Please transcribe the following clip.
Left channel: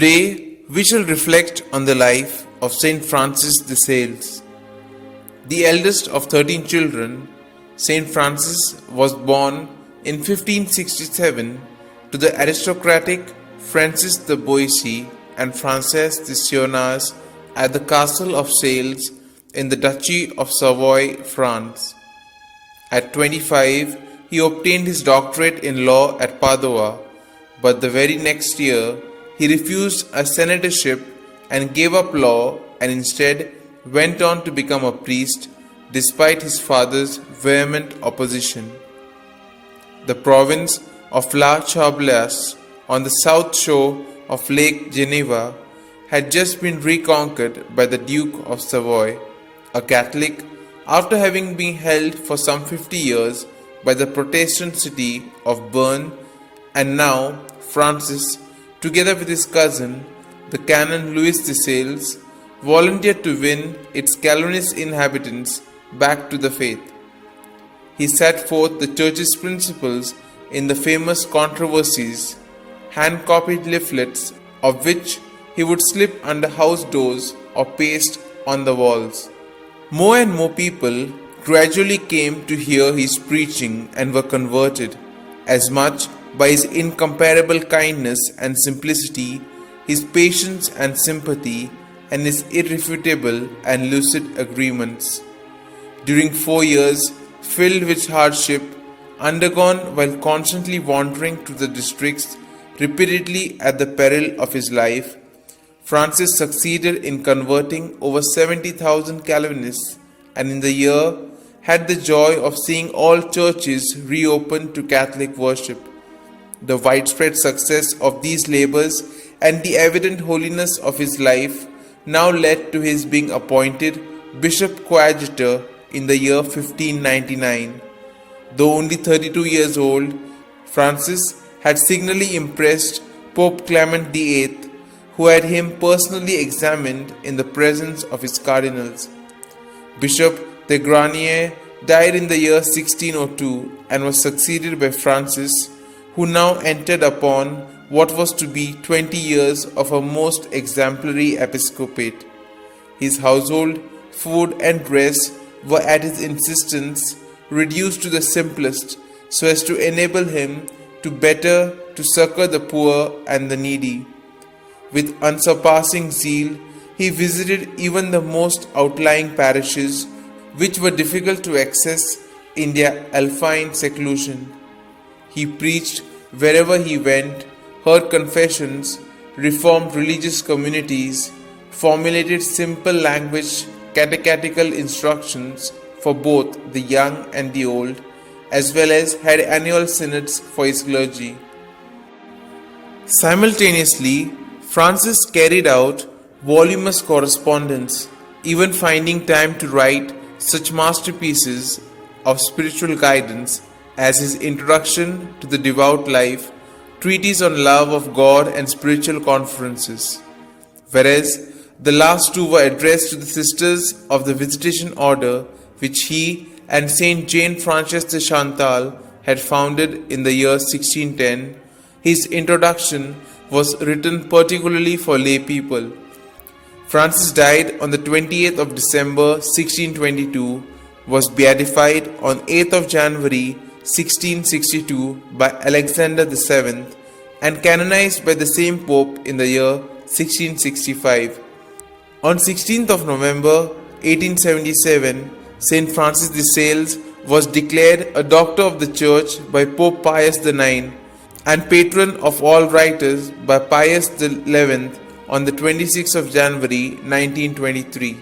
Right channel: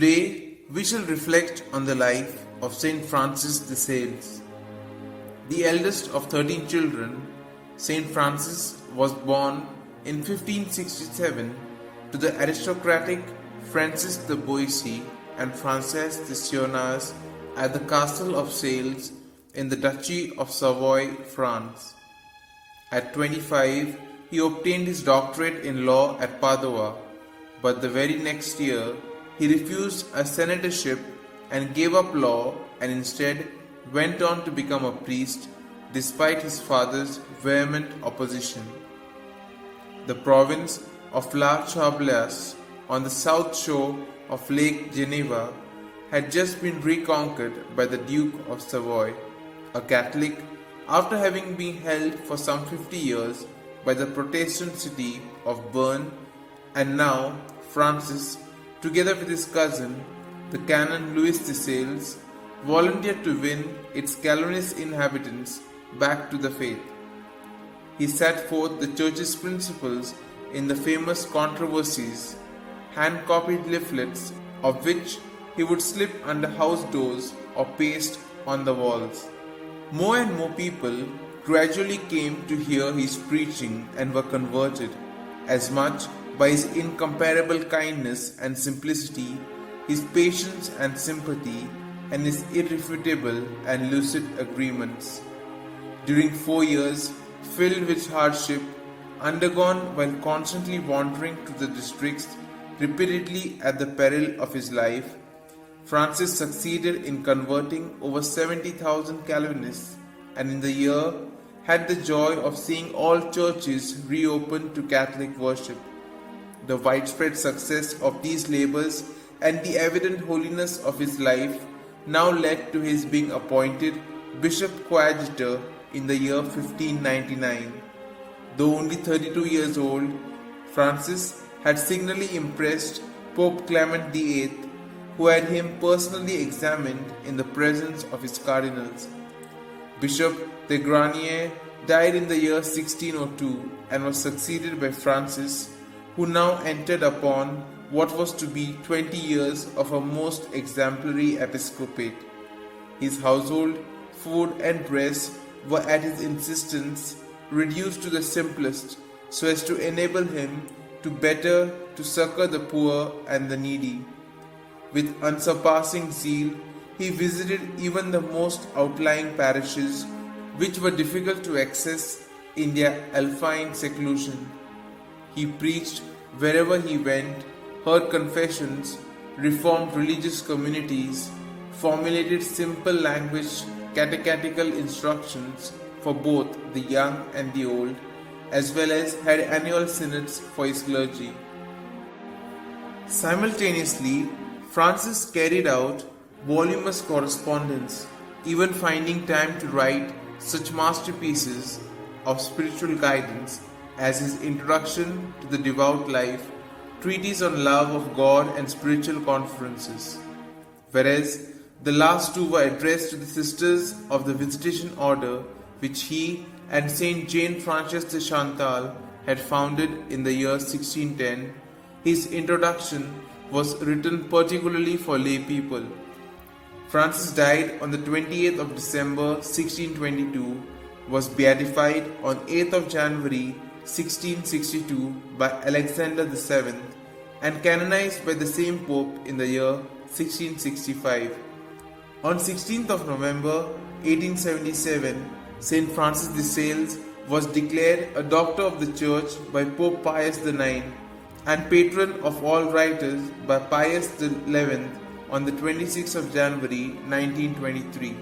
Today, we shall reflect on the life of Saint Francis de Sales. The eldest of 13 children, Saint Francis was born in 1567 to the aristocratic Francis de Boissy and Frances de Sionas at the castle of Sales in the Duchy of Savoy, France. At 25, he obtained his doctorate in law at Padua, but the very next year, he refused a senatorship and gave up law and instead went on to become a priest despite his father's vehement opposition. The province of La Chablaise on the south shore of Lake Geneva had just been reconquered by the Duke of Savoy, a Catholic, after having been held for some 50 years by the Protestant city of Bern, and now Francis, together with his cousin, the Canon Louis de Sales, volunteered to win its Calvinist inhabitants back to the faith. He set forth the Church's principles in the famous controversies, hand-copied leaflets of which he would slip under house doors or paste on the walls. More and more people gradually came to hear his preaching and were converted, as much by his incomparable kindness and simplicity, his patience and sympathy, and his irrefutable and lucid agreements. During 4 years filled with hardship, undergone while constantly wandering to the districts repeatedly at the peril of his life, Francis succeeded in converting over 70,000 Calvinists, and in the year had the joy of seeing all churches reopened to Catholic worship. The widespread success of these labors and the evident holiness of his life now led to his being appointed Bishop Coadjutor in the year 1599. Though only 32 years old, Francis had signally impressed Pope Clement VIII, who had him personally examined in the presence of his cardinals. Bishop de Granier died in the year 1602 and was succeeded by Francis, who now entered upon what was to be 20 years of a most exemplary episcopate. His household, food and dress were at his insistence reduced to the simplest so as to enable him to succor the poor and the needy. With unsurpassing zeal, he visited even the most outlying parishes which were difficult to access in their alpine seclusion. He preached wherever he went, heard confessions, reformed religious communities, formulated simple language catechetical instructions for both the young and the old, as well as had annual synods for his clergy. Simultaneously, Francis carried out voluminous correspondence, even finding time to write such masterpieces of spiritual guidance as his Introduction to the Devout Life, Treatise on Love of God and Spiritual Conferences, whereas the last two were addressed to the Sisters of the Visitation Order, which he and Saint Jane Frances de Chantal had founded in the year 1610. His introduction was written particularly for lay people. Francis died on the 28th of December 1622, was beatified on 8th of January 1662 by Alexander VII, and canonized by the same Pope in the year 1665. On 16th of November 1877, Saint Francis de Sales was declared a Doctor of the Church by Pope Pius IX and Patron of all writers by Pius XI on the 26th of January 1923.